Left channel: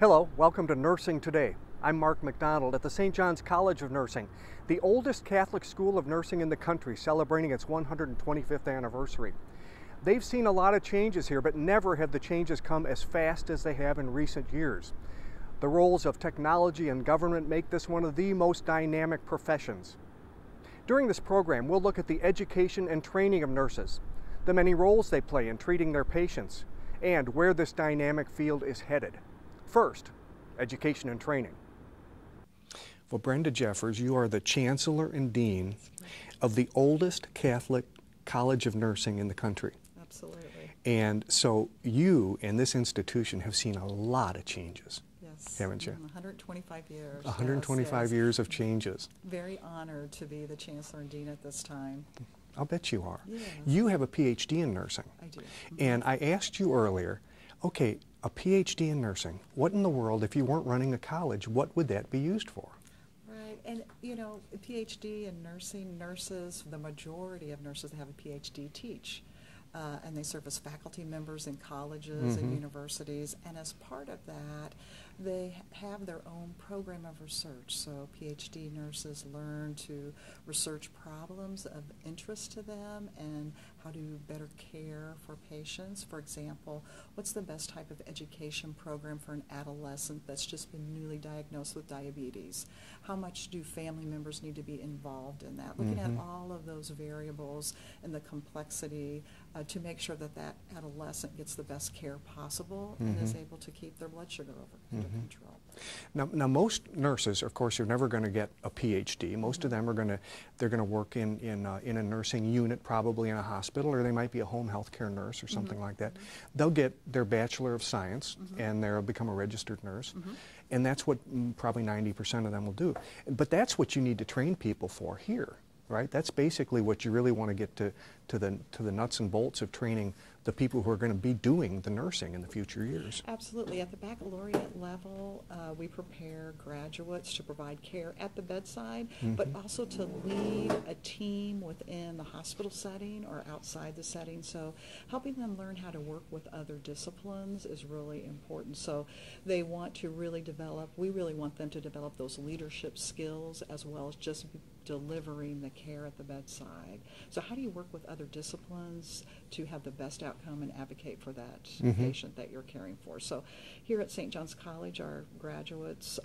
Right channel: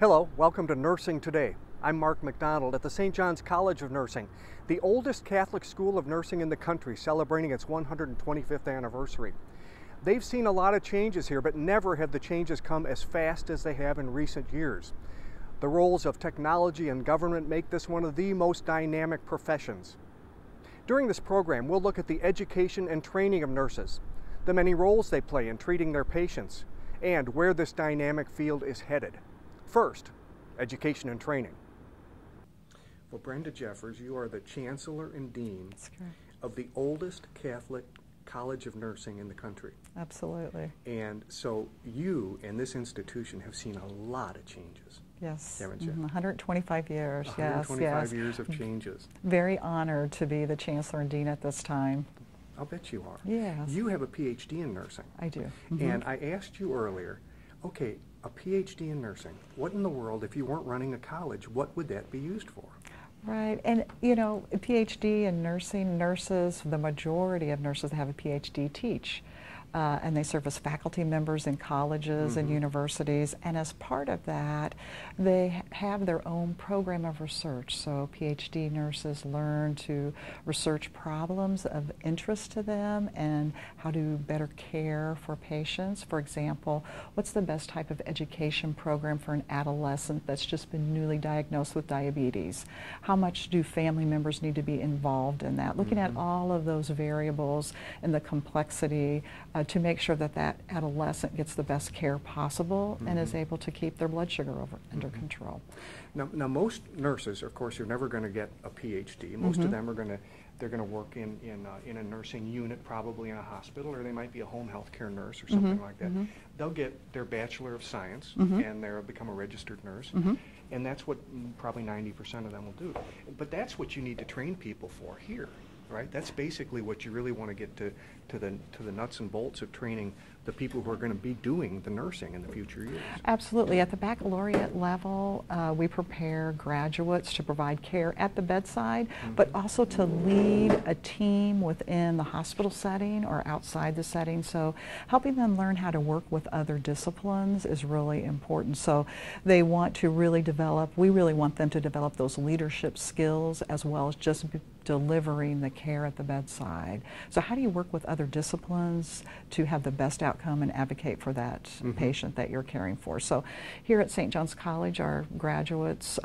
Hello, welcome to Nursing Today. I'm Mark McDonald at the St. John's College of Nursing, the oldest Catholic school of nursing in the country, celebrating its 125th anniversary. They've seen a lot of changes here, but never have the changes come as fast as they have in recent years. The roles of technology and government make this one of the most dynamic professions. During this program, we'll look at the education and training of nurses, the many roles they play in treating their patients, and where this dynamic field is headed. First, education and training. Well, Brenda Jeffers, you are the Chancellor and Dean of the oldest Catholic College of Nursing in the country. Absolutely. And so you and this institution have seen a lot of changes. Yes. Haven't you? 125 years. 125 years of changes. Very honored to be the Chancellor and Dean at this time. I'll bet you are. Yes. You have a PhD in nursing. I do. And I asked you earlier, okay, a PhD in nursing, what in the world, if you weren't running a college, what would that be used for? Right, and you know, a PhD in nursing, nurses, the majority of nurses that have a PhD teach. And they serve as faculty members in colleges and universities, and as part of that, they have their own program of research. So PhD nurses learn to research problems of interest to them and how to better care for patients. For example, what's the best type of education program for an adolescent that's just been newly diagnosed with diabetes? How much do family members need to be involved in that? Looking at all of those variables and the complexity to make sure that that adolescent gets the best care possible and is able to keep their blood sugar under control. Now, most nurses, of course, are never going to get a PhD. Most of them are going to work in a nursing unit, probably in a hospital, or they might be a home health care nurse or something like that. They'll get their Bachelor of Science and they'll become a registered nurse. And that's what probably 90% of them will do. But that's what you need to train people for here, right? That's basically what you really want to get to the nuts and bolts of training the people who are going to be doing the nursing in the future years. Absolutely. At the baccalaureate level, we prepare graduates to provide care at the bedside, but also to lead a team within the hospital setting or outside the setting. So helping them learn how to work with other disciplines is really important. So they want to really develop, we really want them to develop those leadership skills as well as just delivering the care at the bedside. So how do you work with other disciplines to have the best outcome and advocate for that patient that you're caring for? So here at St. John's College, our graduates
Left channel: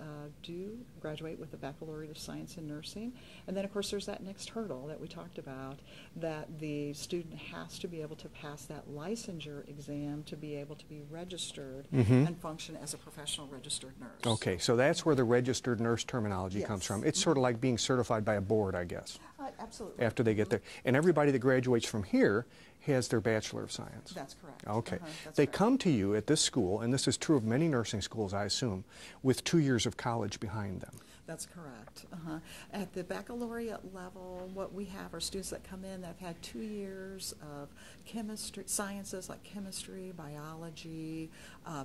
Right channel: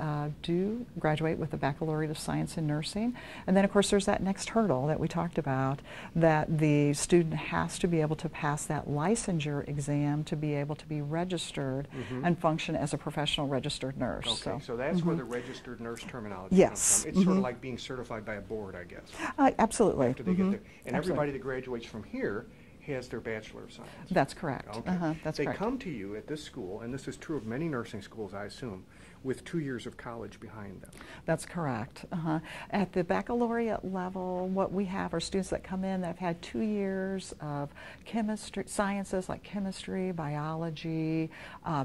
do graduate with a Baccalaureate of Science in Nursing. And then of course there's that next hurdle that we talked about, that the student has to be able to pass that licensure exam to be able to be registered and function as a professional registered nurse. Okay, so that's where the registered nurse terminology comes from. It's sort of like being certified by a board, I guess. Absolutely. After they get there. And everybody that graduates from here has their Bachelor of Science. That's correct. Okay. They come to you at this school, and this is true of many nursing schools, I assume, with 2 years of college behind them. That's correct. At the baccalaureate level, what we have are students that come in that have had 2 years of chemistry, sciences like chemistry, biology,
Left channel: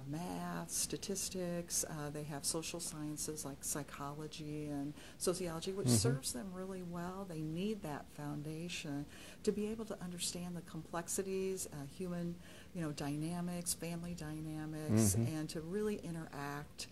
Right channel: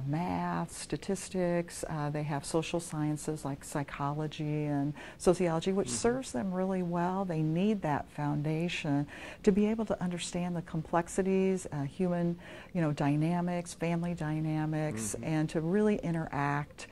math, statistics. They have social sciences like psychology and sociology, which serves them really well. They need that foundation to be able to understand the complexities, human, dynamics, family dynamics, and to really interact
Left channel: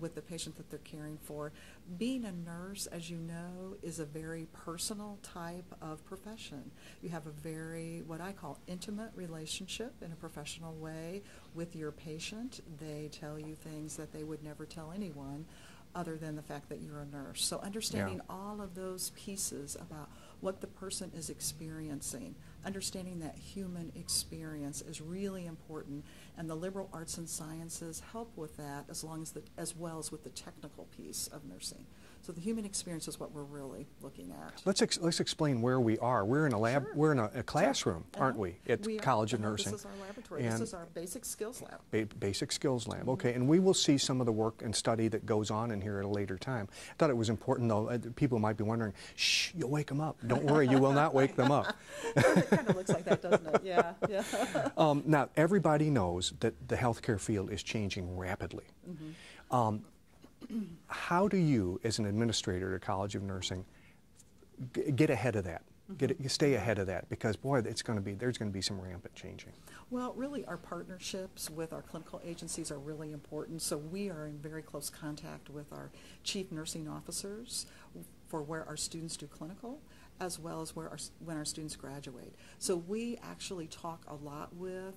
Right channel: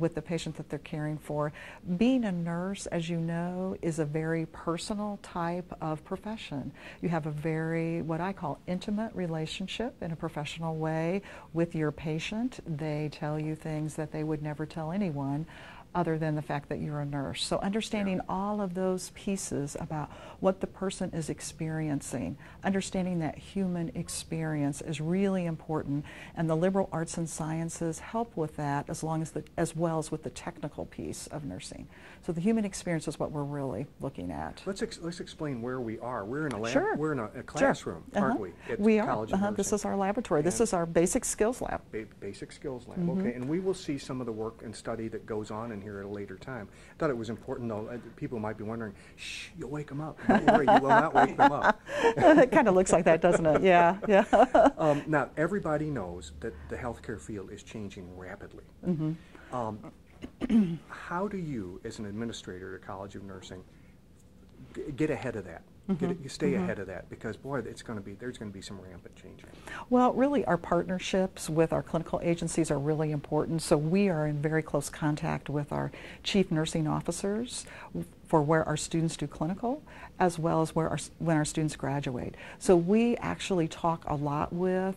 with the patient that they're caring for. Being a nurse, as you know, is a very personal type of profession. You have a very, what I call, intimate relationship in a professional way with your patient. They tell you things that they would never tell anyone other than the fact that you're a nurse. So understanding all of those pieces about what the person is experiencing, understanding that human experience is really important, and the liberal arts and sciences help with that as well as with the technical piece of nursing. So the human experience is what we're really looking at. Let's explain where we are. We're in a lab. We're in a classroom, aren't we? At the College of Nursing. This is our laboratory. This is our basic skills lab. Basic skills lab. Okay, and we will see some of the work and study that goes on in here at a later time. I thought it was important, though. People might be wondering, shh, you'll wake them up. Don't worry, you will not wake them up. It kind of looks like that, doesn't it? Yeah, yeah. Now, everybody knows that the healthcare field is changing rapidly. How do you, as an administrator at a College of Nursing, get ahead of that? stay ahead of that? Because boy, there's going to be some rampant changing. Well, really, our partnerships with our clinical agencies are really important. So we are in very close contact with our chief nursing officers for where our students do clinical, as well as when our students graduate. So we actually talk a lot with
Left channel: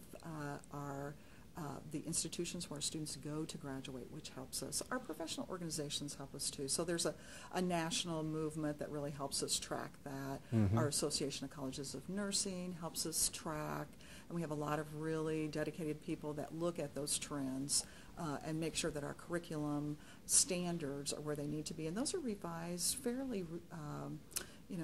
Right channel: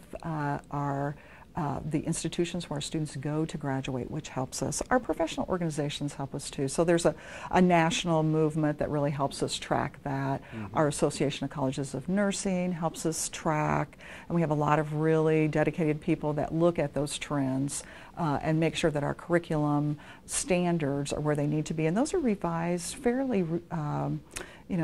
the institutions where our students go to graduate, which helps us. Our professional organizations help us too. So there's a national movement that really helps us track that. Our Association of Colleges of Nursing helps us track, and we have a lot of really dedicated people that look at those trends and make sure that our curriculum standards are where they need to be. And those are revised fairly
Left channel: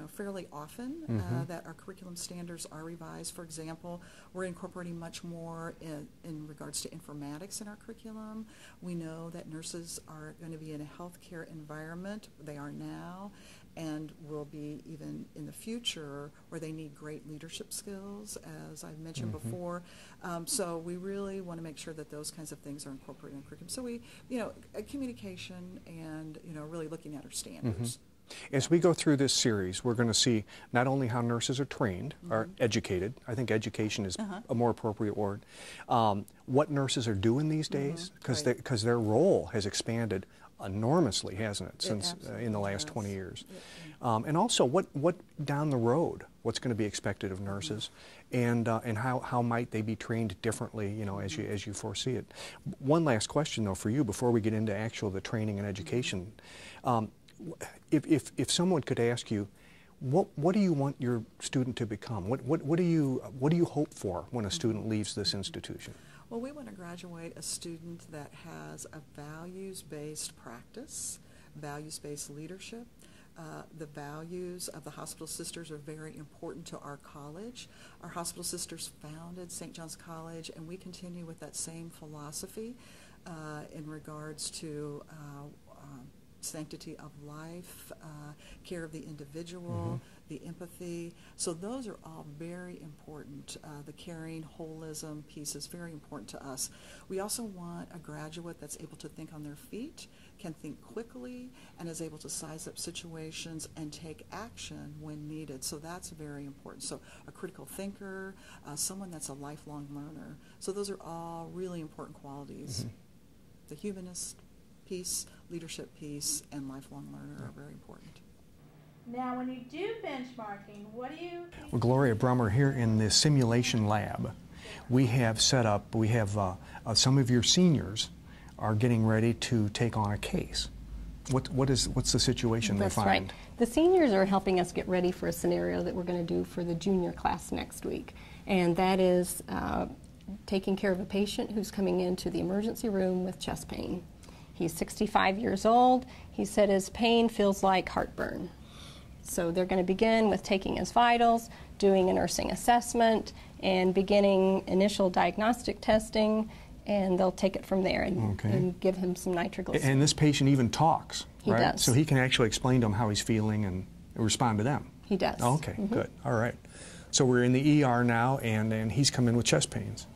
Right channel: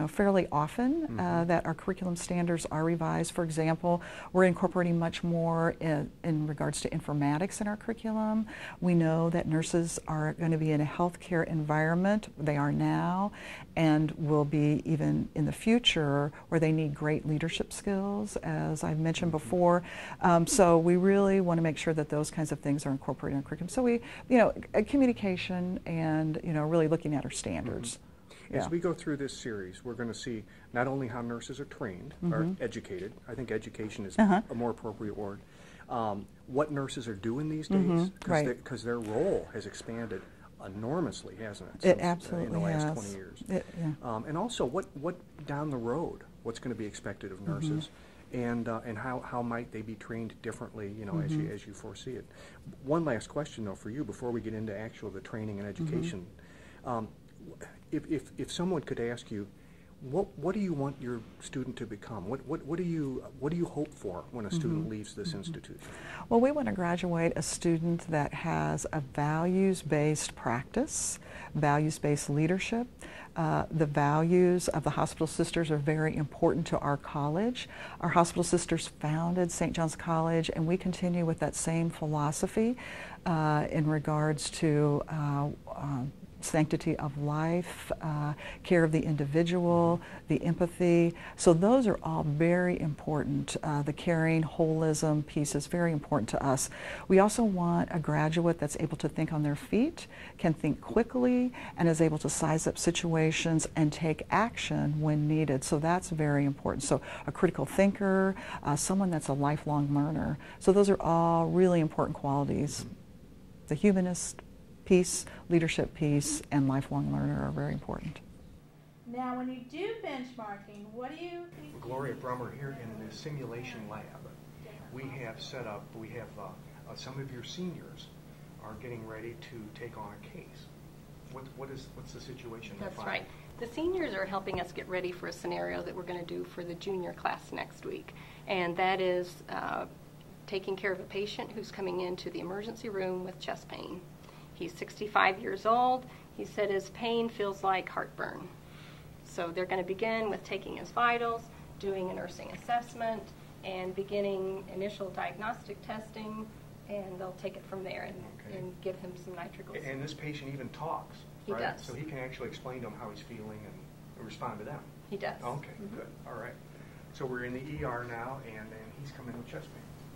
fairly often, that our curriculum standards are revised. For example, we're incorporating much more in regards to informatics in our curriculum. We know that nurses are going to be in a healthcare environment. They are now, and will be even in the future, where they need great leadership skills, as I've mentioned before. So we really want to make sure that those kinds of things are incorporated in our curriculum. So we, communication and, really looking at our standards. As we go through this series, we're going to see not only how nurses are trained, or educated. I think education is a more appropriate word. What nurses are doing these days, because their role has expanded enormously, hasn't it, since in the last 20 years. And also, what down the road, what's going to be expected of nurses, and how might they be trained differently, as you foresee it. One last question, though, for you before we get into the training and education. If someone could ask you, what do you want your student to become? What do you hope for when a student leaves this institution? Well, we want to graduate a student that has a values-based practice, values-based leadership. The values of the Hospital Sisters are very important to our college. Our Hospital Sisters founded St. John's College, and we continue with that same philosophy in regards to sanctity of life, care of the individual, the empathy. So those are all very important. The caring, holism piece is very important to us. We also want a graduate that's able to think on their feet, can think quickly, and is able to size up situations and take action when needed. So that's very important. So a critical thinker, someone that's a lifelong learner. So those are all really important qualities. The humanist piece, leadership piece, and lifelong learner are very important. Now, when you do benchmarking, what do you think? Well, Gloria Brummer, here in the simulation lab, we have set up, some of your seniors are getting ready to take on a case. What's the situation they find? That's right. The seniors are helping us get ready for a scenario that we're going to do for the junior class next week, and that is taking care of a patient who's coming into the emergency room with chest pain. He's 65 years old. He said his pain feels like heartburn. So they're going to begin with taking his vitals, doing a nursing assessment, and beginning initial diagnostic testing, and they'll take it from there and give him some nitroglycerin. And this patient even talks, right? He does. So he can actually explain to them how he's feeling and respond to them. He does. Oh, okay, good. All right. So we're in the ER now, and he's come in with chest pains.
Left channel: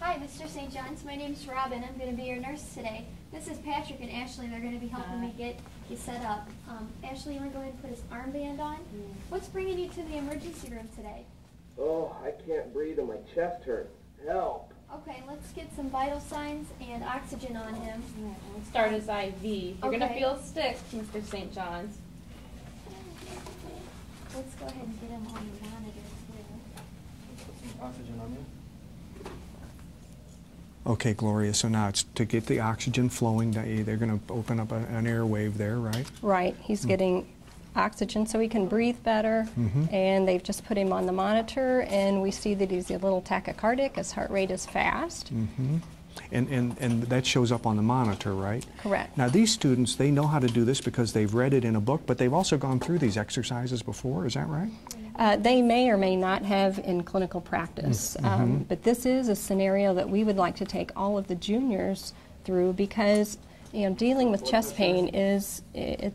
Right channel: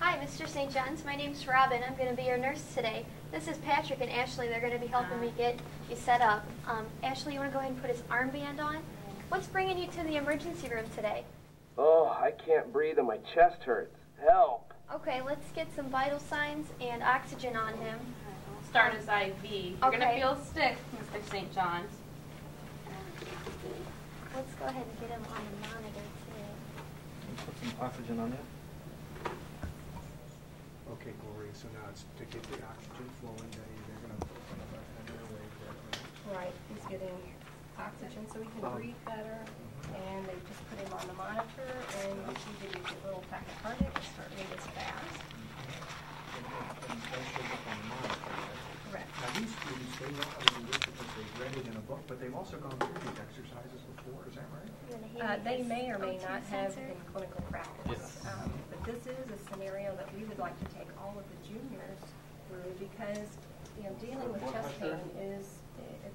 Hi, Mr. St. John's. My name's Robin. I'm going to be your nurse today. This is Patrick and Ashley. They're going to be helping me get you set up. Ashley, you want to go ahead and put his armband on? What's bringing you to the emergency room today? Oh, I can't breathe and my chest hurts. Help. Okay, let's get some vital signs and oxygen on him. Start his IV. You're going to feel sick, Mr. St. John's. Let's go ahead and get him on the monitor, too. Put some oxygen on him. Okay, Gloria, so now it's to get the oxygen flowing, they're going to open up an airwave there, right? Right. He's getting oxygen so he can breathe better, and they've just put him on the monitor, and we see that he's a little tachycardic. His heart rate is fast. And that shows up on the monitor, right? Correct. Now these students, they know how to do this because they've read it in a book, but they've also gone through these exercises before, is that right? They may or may not have in clinical practice, but this is a scenario that we would like to take all of the juniors through because dealing with chest pain it's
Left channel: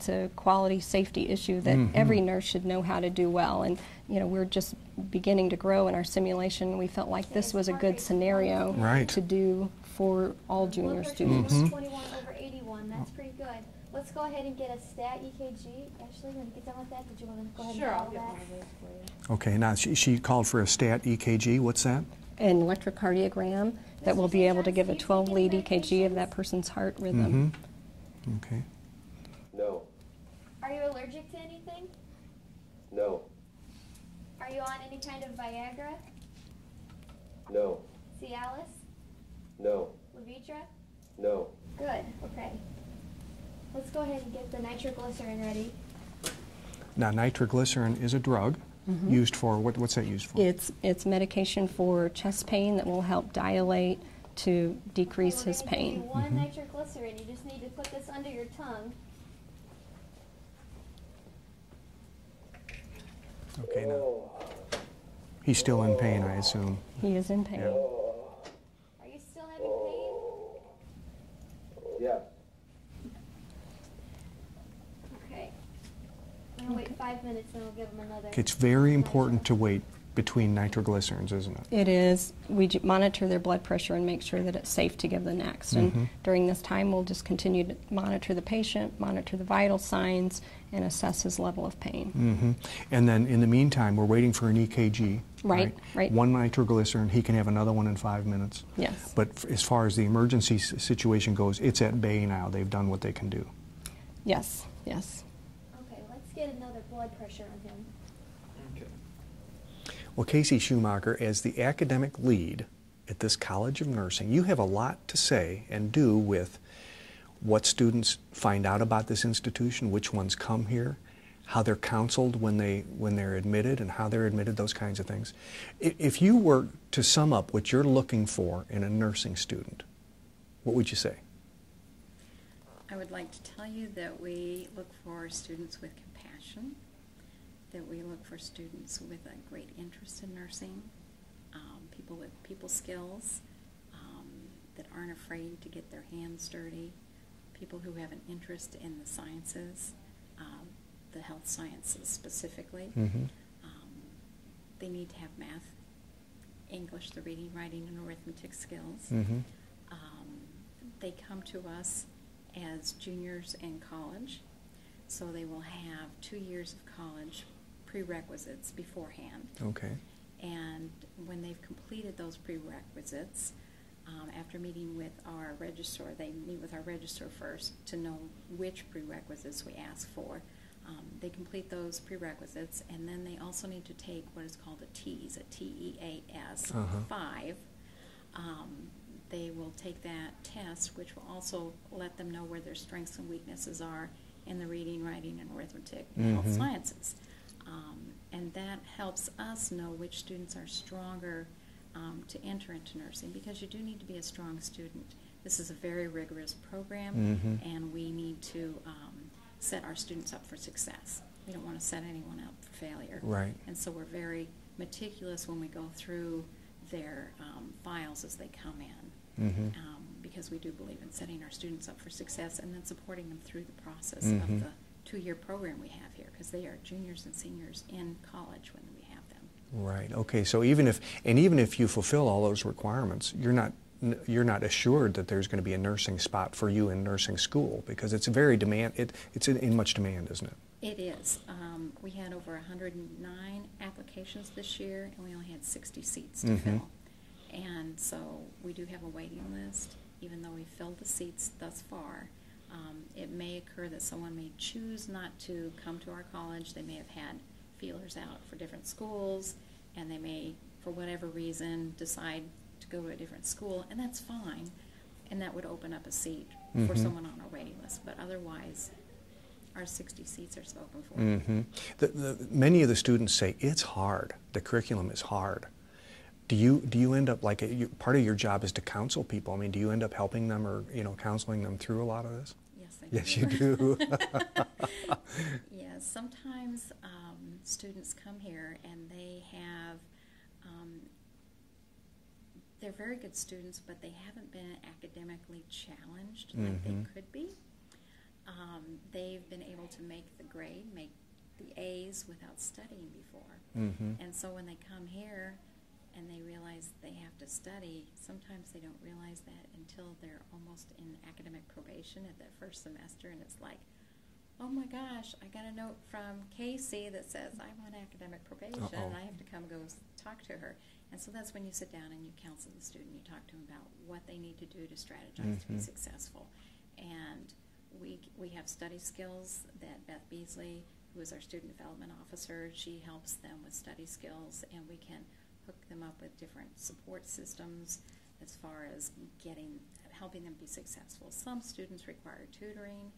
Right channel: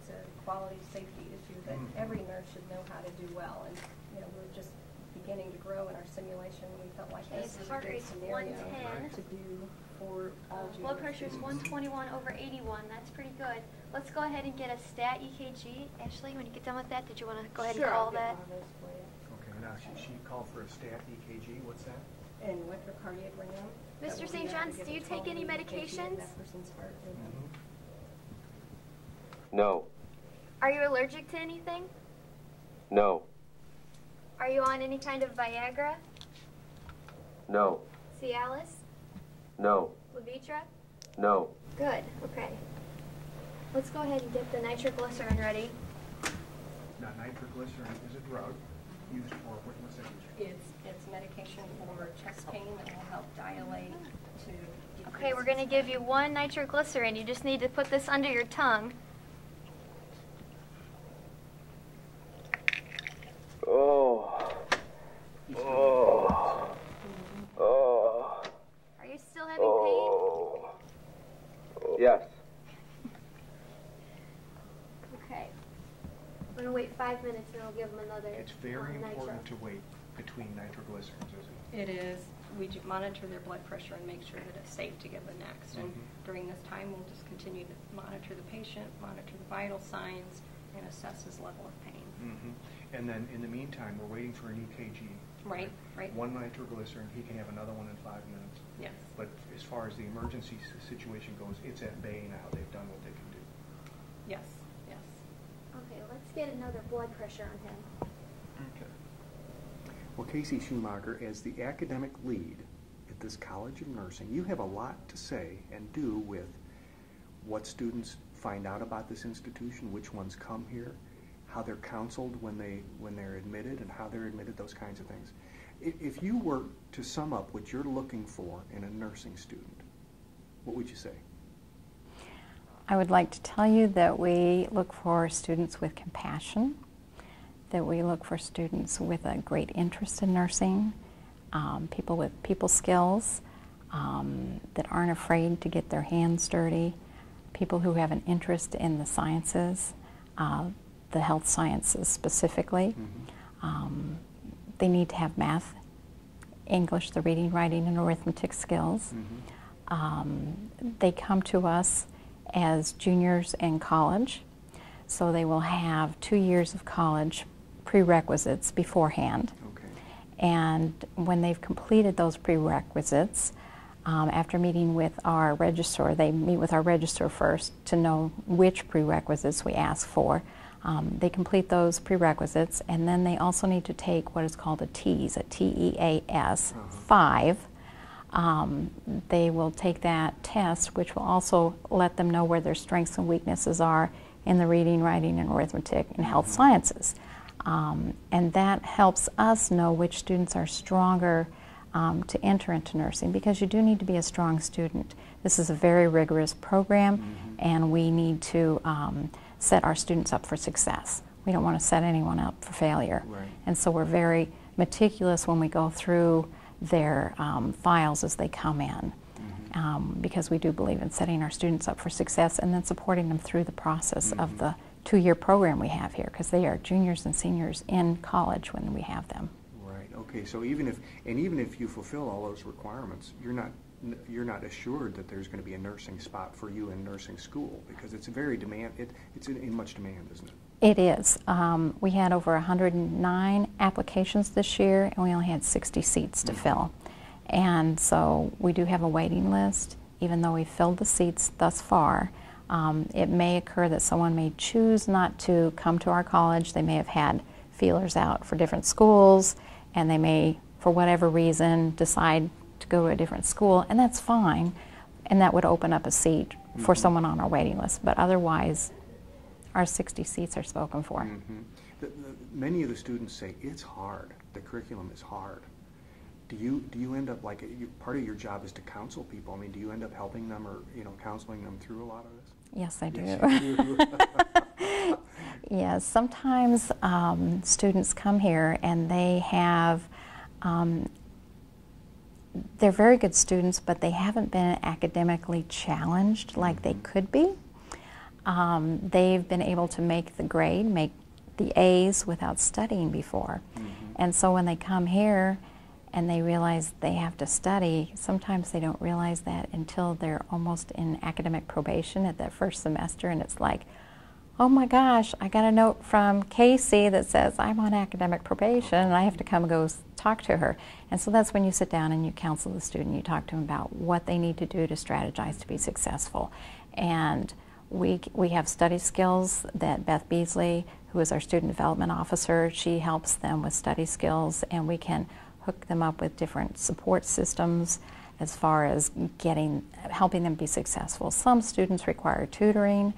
a quality safety issue that every nurse should know how to do well, and we're just beginning to grow in our simulation. We felt like this was a good scenario to do for all junior students. 121 over 81, that's pretty good. Let's go ahead and get a stat EKG. Ashley, when you get done with that, did you want to go ahead Sure, and I'll call get that? one of those for you. Okay, now she called for a stat EKG. What's that? An electrocardiogram that Mr. will be St. able to John's, give do a you take any 12-lead EKG of that medications? person's heart rhythm. Okay. No. Are you allergic to anything? No. Are you on any kind of Viagra? No. Cialis? No. Levitra? No. Good, okay. Let's go ahead and get the nitroglycerin ready. Now, nitroglycerin is a drug used for, what's that used for? It's medication for chest pain that will help dilate to Okay, decrease we're his going to give you pain. one nitroglycerin. You just need to put this under your tongue. Oh. He's still in pain, I assume. He is in pain. Oh. Are you still having pain? Oh. Yes. Okay. I'm going to wait 5 minutes and I'll give him another. Okay, it's very important to wait between nitroglycerins, isn't it? It is. We monitor their blood pressure and make sure that it's safe to give the next. And during this time, we'll just continue to monitor the patient, monitor the vital signs, and assess his level of pain. And then in the meantime, we're waiting for an EKG. Right. One nitroglycerin, he can have another one in 5 minutes. Yes. But as far as the emergency situation goes, it's at bay now. They've done what they can do. Yes. Yes. Okay, let's get another blood pressure on him. Well, Casey Schumacher, as the academic lead at this College of Nursing, you have a lot to say and do with what students find out about this institution, which ones come here, how they're counseled when they're admitted, and how they're admitted, those kinds of things. If you were to sum up what you're looking for in a nursing student, what would you say? I would like to tell you that we look for students with compassion, that we look for students with a great interest in nursing, people with people skills, that aren't afraid to get their hands dirty, people who have an interest in the sciences, the health sciences specifically. They need to have math, English, the reading, writing, and arithmetic skills. They come to us as juniors in college, so they will have 2 years of college prerequisites beforehand. Okay. And when they've completed those prerequisites, after meeting with our registrar, they meet with our registrar first to know which prerequisites we ask for. They complete those prerequisites, and then they also need to take what is called a TEAS, a TEAS 5. They will take that test, which will also let them know where their strengths and weaknesses are in the reading, writing, and arithmetic and health sciences. And that helps us know which students are stronger to enter into nursing, because you do need to be a strong student. This is a very rigorous program, and we need to set our students up for success. We don't want to set anyone up for failure. Right. And so we're very meticulous when we go through their files as they come in, because we do believe in setting our students up for success and then supporting them through the process of the 2-year program we have here, because they are juniors and seniors in college when we have them. Right. Okay. So even if you fulfill all those requirements, you're not assured that there's going to be a nursing spot for you in nursing school, because it's very it's in much demand, isn't it? It is. We had over 109 applications this year, and we only had 60 seats to fill. And so we do have a waiting list. Even though we've filled the seats thus far, it may occur that someone may choose not to come to our college. They may have had feelers out for different schools, and they may, for whatever reason, decide to go to a different school, and that's fine, and that would open up a seat for someone on our waiting list. But otherwise, our 60 seats are spoken for. Many of the students say it's hard. The curriculum is hard. Do you end up, like, part of your job is to counsel people? I mean, do you end up helping them or counseling them through a lot of this? Yes, I do. Yes, you do. Yes, sometimes students come here and they have, they're very good students, but they haven't been academically challenged like they could be. They've been able to make the grade, make the A's without studying before. And so when they come here and they realize they have to study. Sometimes they don't realize that until they're almost in academic probation at that first semester, and it's like, oh my gosh, I got a note from Casey that says I'm on academic probation and I have to come go talk to her. And so that's when you sit down and you counsel the student, you talk to them about what they need to do to strategize to be successful. And we have study skills that Beth Beasley, who is our student development officer, she helps them with study skills, and we can hook them up with different support systems as far as helping them be successful. Some students require tutoring,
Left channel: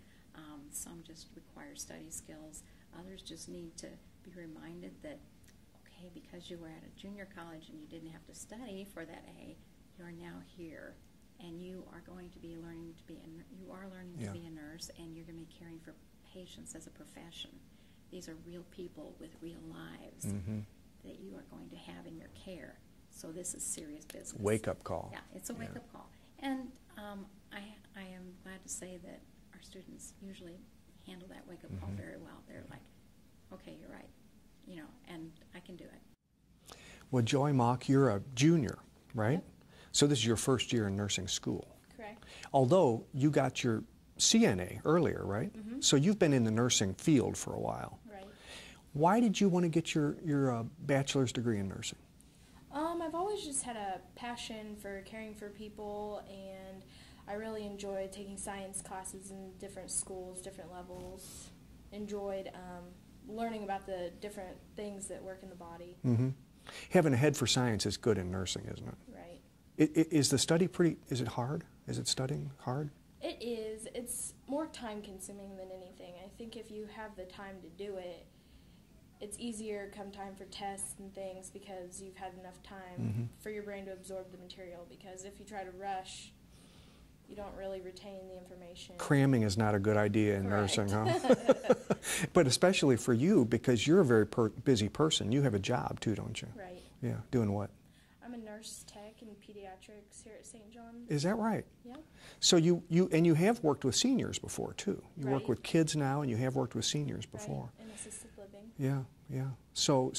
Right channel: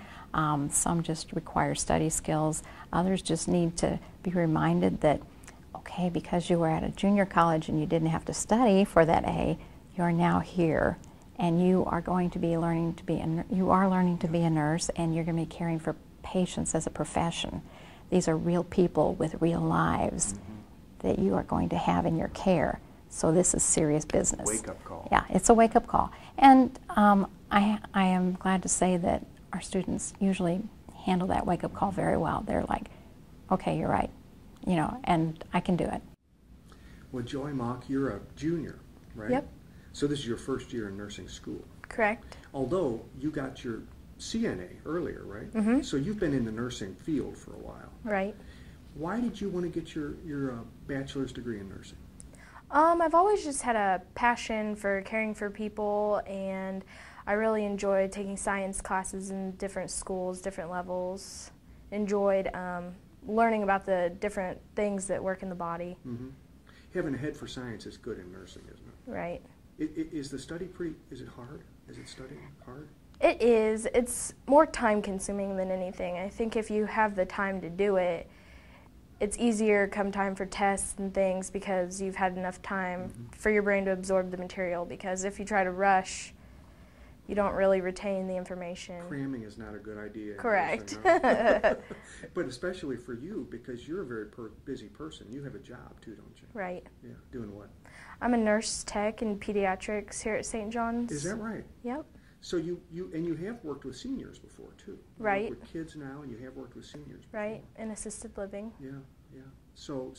some just require study skills, others just need to be reminded that, okay, because you were at a junior college and you didn't have to study for that A, you're now here, and you are going to be learning to be a nurse, and you're going to be caring for patients as a profession. These are real people with real lives that you are going to have in your care. So this is serious business. Wake-up call. Yeah, it's a wake-up call. And I am glad to say that our students usually handle that wake-up call very well. They're like, okay, you're right, you know, and I can do it. Well, Joy Mock, you're a junior, right? Yep. So this is your first year in nursing school. Correct. Although you got your CNA earlier, right? Mm-hmm. So you've been in the nursing field for a while. Right. Why did you want to get your bachelor's degree in nursing? I've always just had a passion for caring for people, and I really enjoyed taking science classes in different schools, different levels. Enjoyed learning about the different things that work in the body. Mm-hmm. Having a head for science is good in nursing, isn't it? Right. Is the study is it hard? Is it studying hard? It is. It's more time consuming than anything. I think if you have the time to do it, it's easier come time for tests and things because you've had enough time for your brain to absorb the material, because if you try to rush, you don't really retain the information. Cramming is not a good idea in Correct. nursing, huh? But especially for you, because you're a very busy person. You have a job too, don't you? Right. Yeah, doing what? I'm a nurse tech in pediatrics here at St. John's. Is that right? Yep. So you have worked with seniors before too. You Right. work with kids now, and you have worked with seniors before. Right, in assisted living. Yeah, yeah. So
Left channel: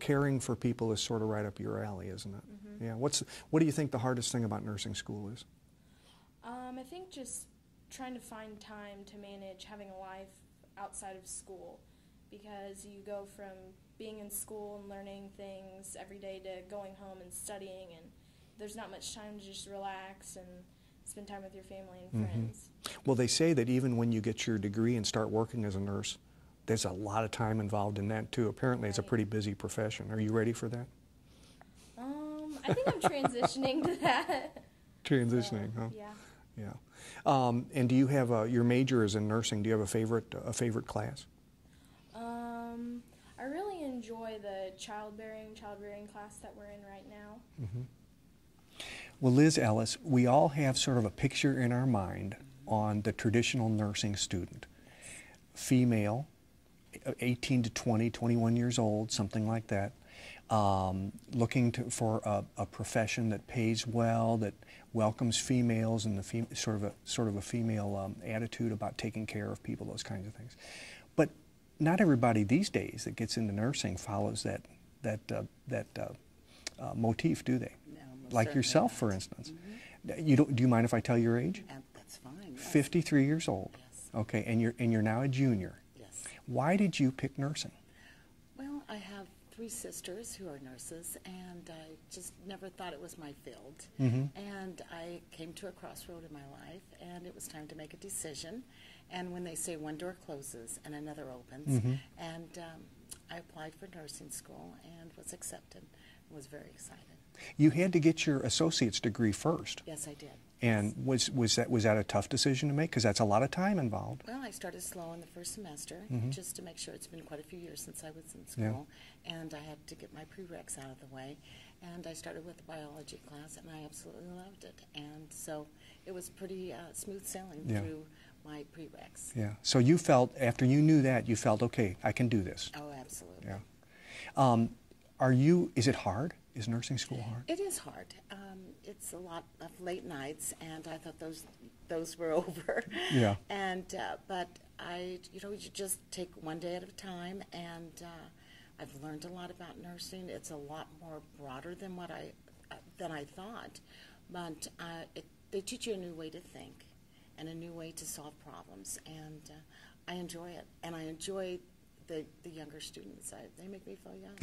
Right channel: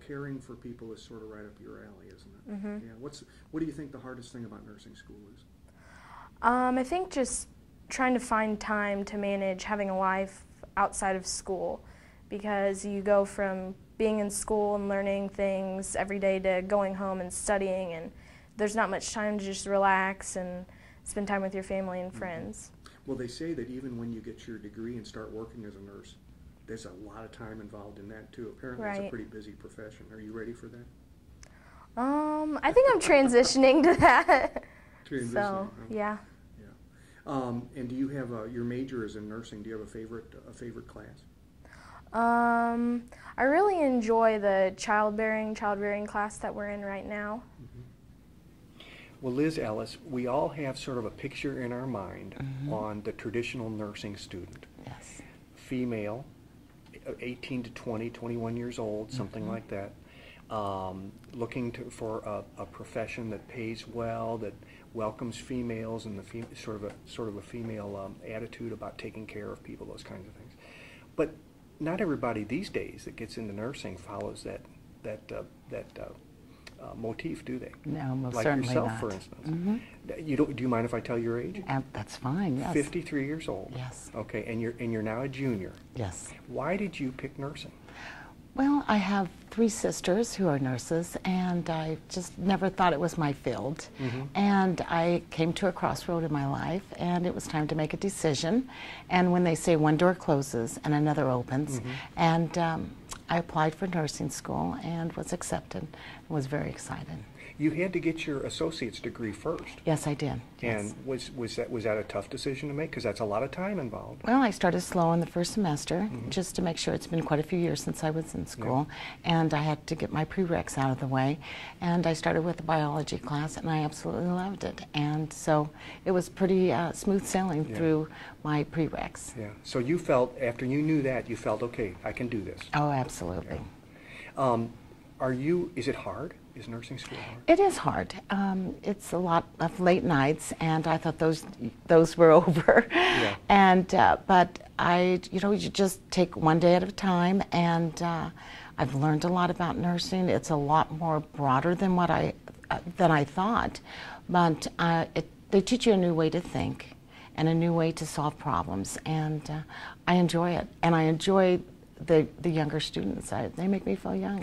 caring for people is sort of right up your alley, isn't it? Mm-hmm. Yeah. What do you think the hardest thing about nursing school is? I think just trying to find time to manage having a life outside of school, because you go from being in school and learning things every day to going home and studying, and there's not much time to just relax and spend time with your family and friends. Well, they say that even when you get your degree and start working as a nurse, there's a lot of time involved in that too. Apparently it's a Right. pretty busy profession. Are you ready for that? I think I'm transitioning to that. Transitioning, So, huh? yeah. Yeah. And do you have your major is in nursing? Do you have a favorite class? I really enjoy the childbearing class that we're in right now. Well, Liz, Ellis, we all have sort of a picture in our mind on the traditional nursing student. Yes. Female, 18 to 20, 21 years old, something like that. Looking for a profession that pays well, that welcomes females, and sort of a female attitude about taking care of people, those kinds of things. But not everybody these days that gets into nursing follows that motif, do they? No, most like certainly yourself, not. for instance. Do you mind if I tell your age? That's fine. Yes. 53 years old. Yes. Okay, and you're now a junior. Yes. Why did you pick nursing? Well, I have 3 sisters who are nurses, and I just never thought it was my field. And I came to a crossroad in my life, and it was time to make a decision. And when they say one door closes and another opens, and I applied for nursing school and was accepted and was very excited. You had to get your associate's degree first. Yes, I did. And was that a tough decision to make? Because that's a lot of time involved. Well, I started slow in the first semester, just to make sure. It's been quite a few years since I was in school, and I had to get my prereqs out of the way. And I started with a biology class, and I absolutely loved it. And so it was pretty smooth sailing through my prereqs. Yeah. So you felt, after you knew that, you felt, okay, I can do this. Oh, absolutely. Is it hard? Is nursing school hard? It is hard. It's a lot of late nights, and I thought those were over. Yeah. And but you just take one day at a time, and I've learned a lot about nursing. It's a lot more broader than what I thought, but they teach you a new way to think and a new way to solve problems, and I enjoy it. And I enjoy the younger students. They make me feel young.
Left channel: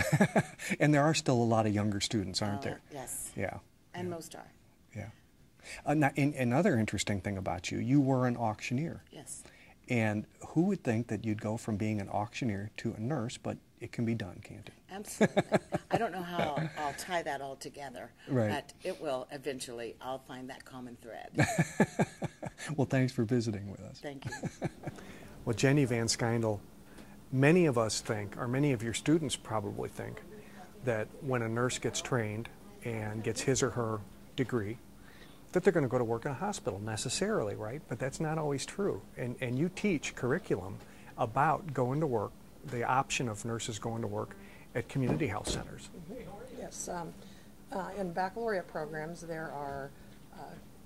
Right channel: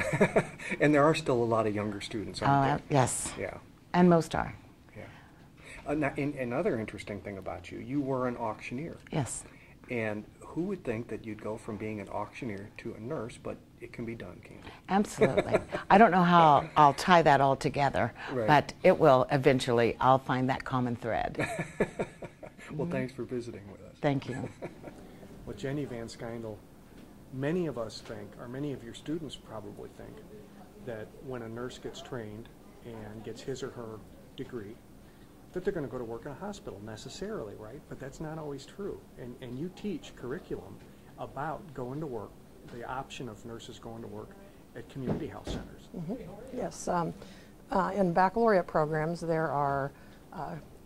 And there are still a lot of younger students, aren't there? Yes. Yeah. And most are. Yeah. Now, another interesting thing about you, you were an auctioneer. Yes. And who would think that you'd go from being an auctioneer to a nurse, but it can be done, Kandi. Absolutely. I don't know how I'll tie that all together, right. But it will eventually. I'll find that common thread. Well, thanks for visiting with us. Thank you. Well, Jenny Van Skyndel, many of us think, or many of your students probably think, that when a nurse gets trained and gets his or her degree, that they're going to go to work in a hospital necessarily, right? But that's not always true. And you teach curriculum about going to work, the option of nurses going to work at community health centers. Mm-hmm. Yes. In baccalaureate programs, there are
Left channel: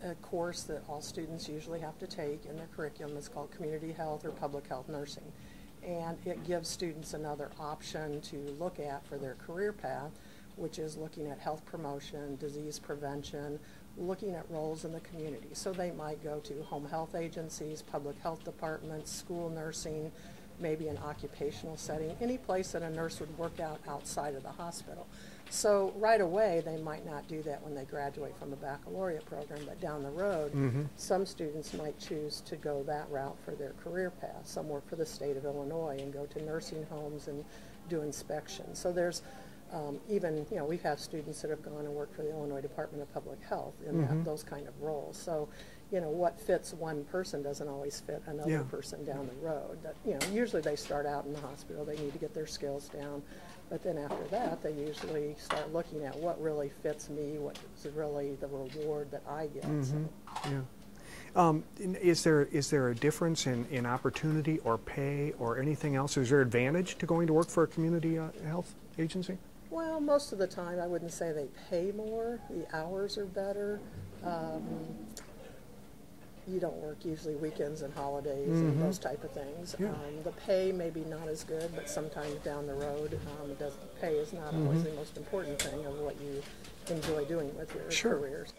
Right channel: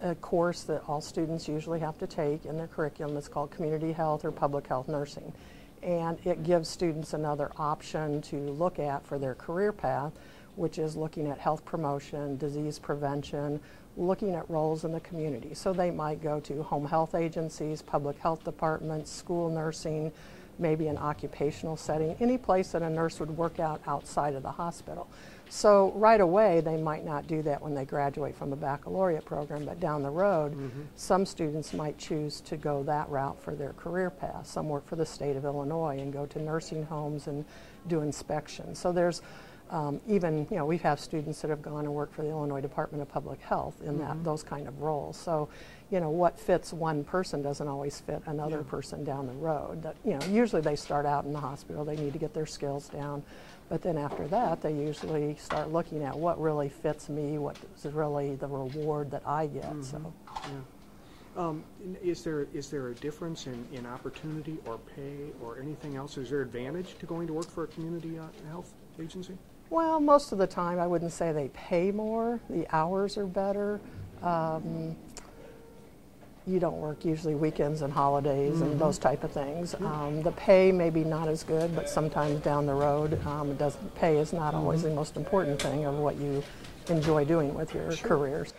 a course that all students usually have to take in their curriculum. It's called community health or public health nursing. And it gives students another option to look at for their career path, which is looking at health promotion, disease prevention, looking at roles in the community. So they might go to home health agencies, public health departments, school nursing, maybe an occupational setting, any place that a nurse would work out outside of the hospital. So right away, they might not do that when they graduate from a baccalaureate program, but down the road, some students might choose to go that route for their career path. Some work for the state of Illinois and go to nursing homes and do inspections. So there's even, you know, we have students that have gone and worked for the Illinois Department of Public Health in those kind of roles. So, you know, what fits one person doesn't always fit another person down the road. That, you know, usually they start out in the hospital, they need to get their skills down, but then after that, they usually start looking at what really fits me, what is really the reward that I get. Is there a difference in opportunity or pay or anything else? Is there advantage to going to work for a community health agency? Well, most of the time I wouldn't say they pay more. The hours are better. You don't work usually weekends and holidays and those type of things. The pay may be not as good, but sometimes down the road, pay is not always the most important thing of what you enjoy doing with your careers.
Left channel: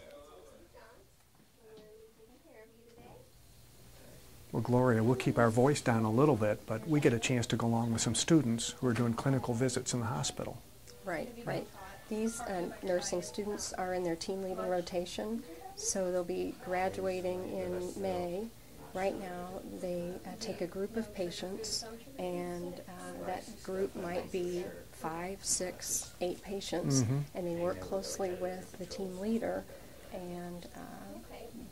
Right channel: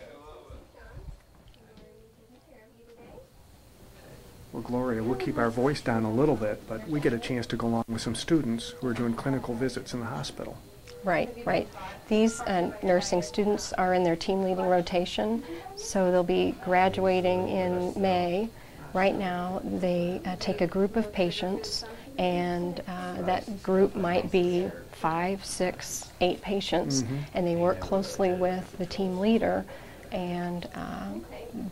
Well, Gloria, we'll keep our voice down a little bit, but we get a chance to go along with some students who are doing clinical visits in the hospital. Right, right. These nursing students are in their team leading rotation, so they'll be graduating in May. Right now, they take a group of patients, and that group might be 5, 6, 8 patients, and they work closely with the team leader, and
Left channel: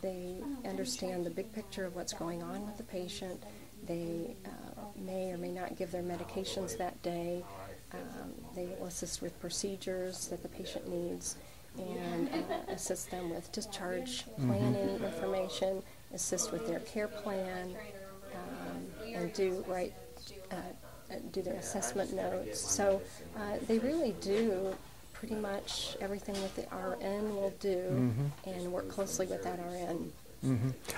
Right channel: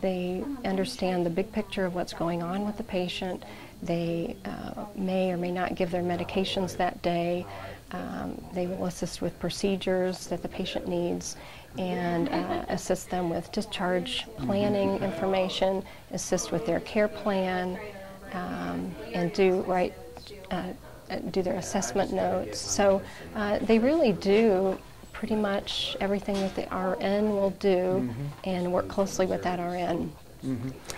they understand the big picture of what's going on with the patient. They may or may not give their medications that day. They will assist with procedures that the patient needs and assist them with discharge planning information, assist with their care plan, and do their assessment notes. So they really do pretty much everything that the RN will do and work closely with that RN.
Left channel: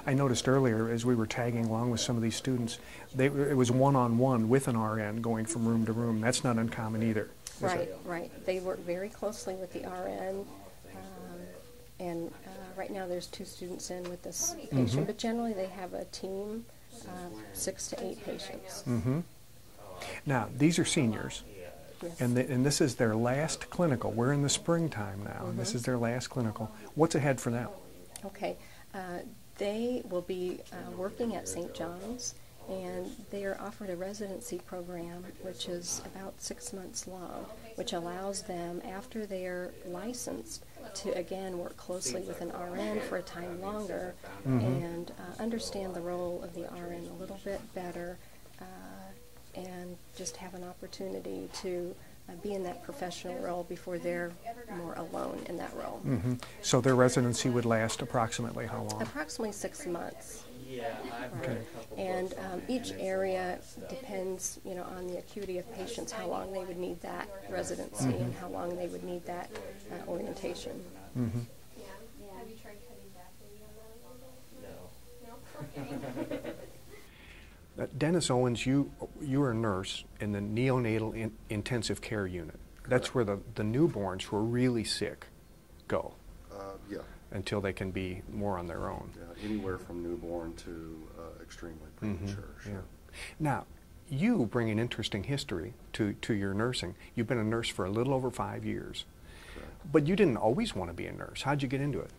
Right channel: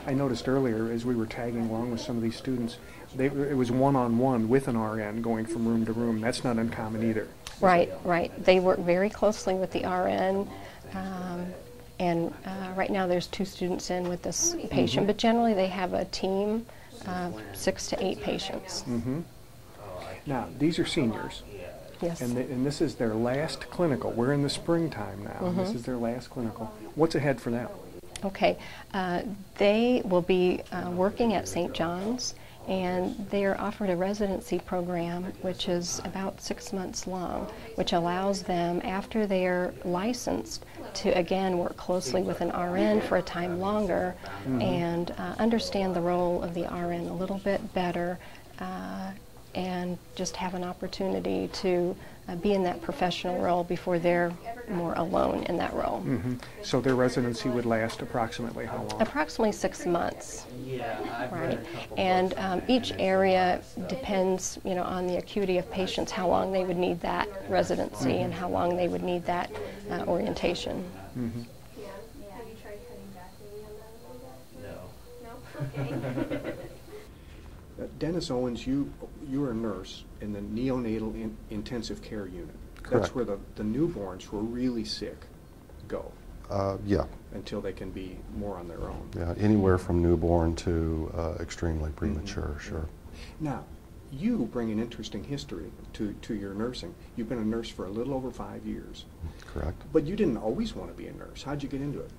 I noticed earlier as we were tagging along with some of these students, it was one-on-one with an RN going from room to room. That's not uncommon either. Right, right. They work very closely with the RN, and right now there's 2 students in with this patient, but generally they have a team of 6 to 8 patients. Now, these are seniors. Yes. And this is their last clinical. We're in the springtime now. This is their last clinical. What's ahead for them? Okay. They will be working at St. John's, and they are offered a residency program which is about 6 months long, which allows them, after they are licensed, to again work closely with an RN for a time longer and understand the role of the RN a little bit better, and just have an opportunity to be in that professional role before they're more alone in that role. So their residency would last approximately how long? Approximately 6 months. Right. And each area depends, you know, on the acuity of patients, how long they would need that residency and how long they would need that orientation. Have you tried cutting back any on that? No. No? Okay. Dennis Owens, you're a nurse in the neonatal intensive care unit. Correct. That's where the newborns who are really sick go. Yeah. Until they can be more on their own. Yeah, anywhere from newborn to extremely premature, sure. Now, you bring an interesting history to your nursing. You've been a nurse for a little over 5 years. Correct. But you didn't always want to be a nurse. How'd you get into it?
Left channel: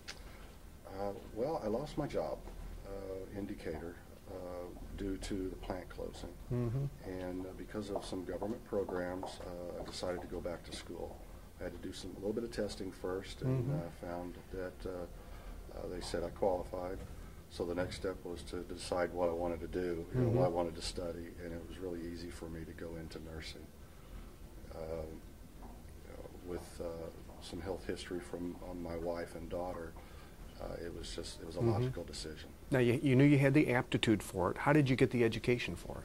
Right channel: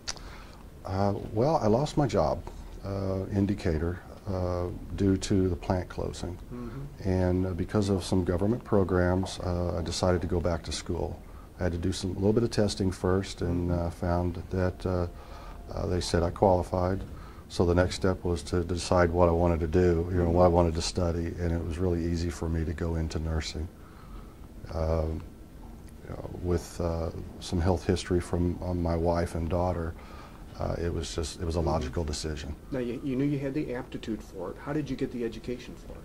Well, I lost my job in Decatur due to the plant closing. And because of some government programs, I decided to go back to school. I had to do a little bit of testing first, and found that they said I qualified. So the next step was to decide what I wanted to do, what I wanted to study, and it was really easy for me to go into nursing. With some health history from my wife and daughter, it was a logical decision. Now, you knew you had the aptitude for it. How did you get the education for it?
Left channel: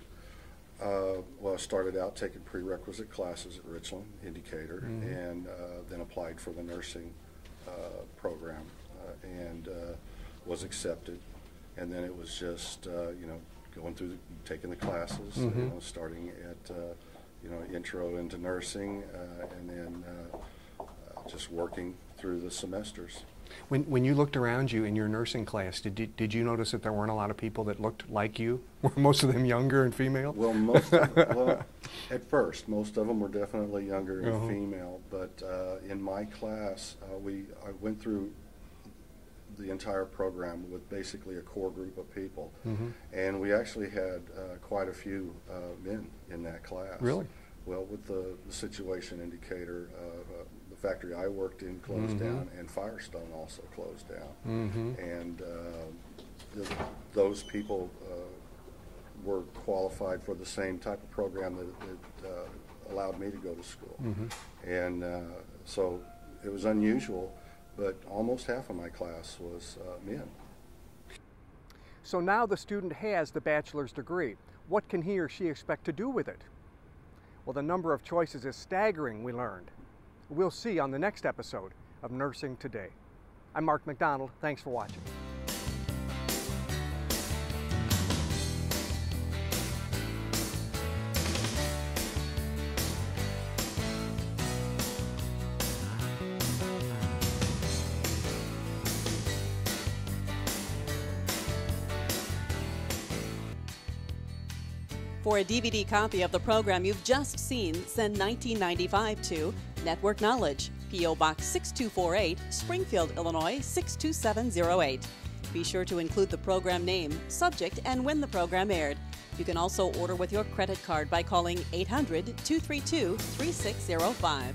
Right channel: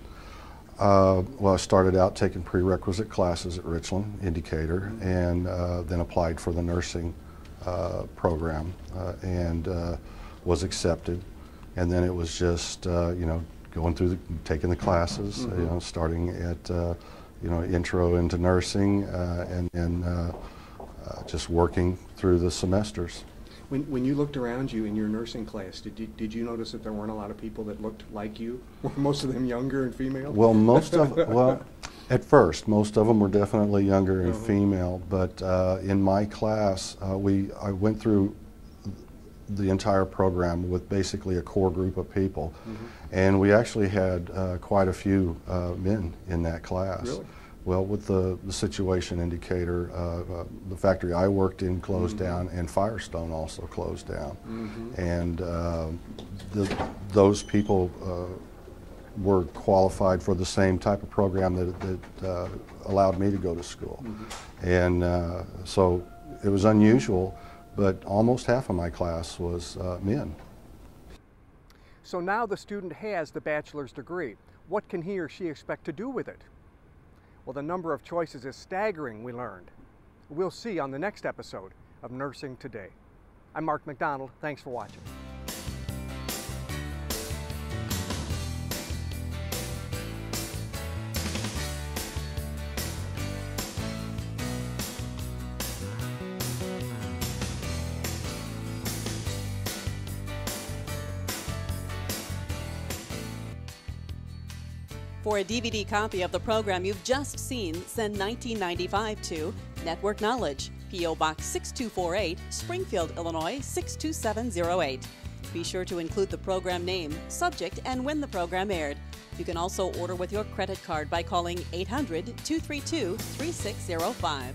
Well, I started out taking prerequisite classes at Richland in Decatur, and then applied for the nursing program, and was accepted. And then it was just going through taking the classes, starting at intro into nursing, and just working through the semesters. When you looked around you in your nursing class, did you notice that there weren't a lot of people that looked like you? Were most of them younger and female? Well, at first, most of them were definitely younger and female. But in my class, I went through the entire program with basically a core group of people, and we actually had quite a few men in that class. Really? Well, with the situation in Decatur, the factory I worked in closed down, and Firestone also closed down. And those people were qualified for the same type of program that allowed me to go to school. And so it was unusual, but almost half of my class was men. So now the student has the bachelor's degree. What can he or she expect to do with it? Well, the number of choices is staggering, we learned. We'll see on the next episode of Nursing Today. I'm Mark McDonald. Thanks for watching. For a DVD copy of the program you've just seen, send $19.95 to Network Knowledge, P.O. Box 6248, Springfield, Illinois 62708. Be sure to include the program name, subject, and when the program aired. You can also order with your credit card by calling 800-232-3605.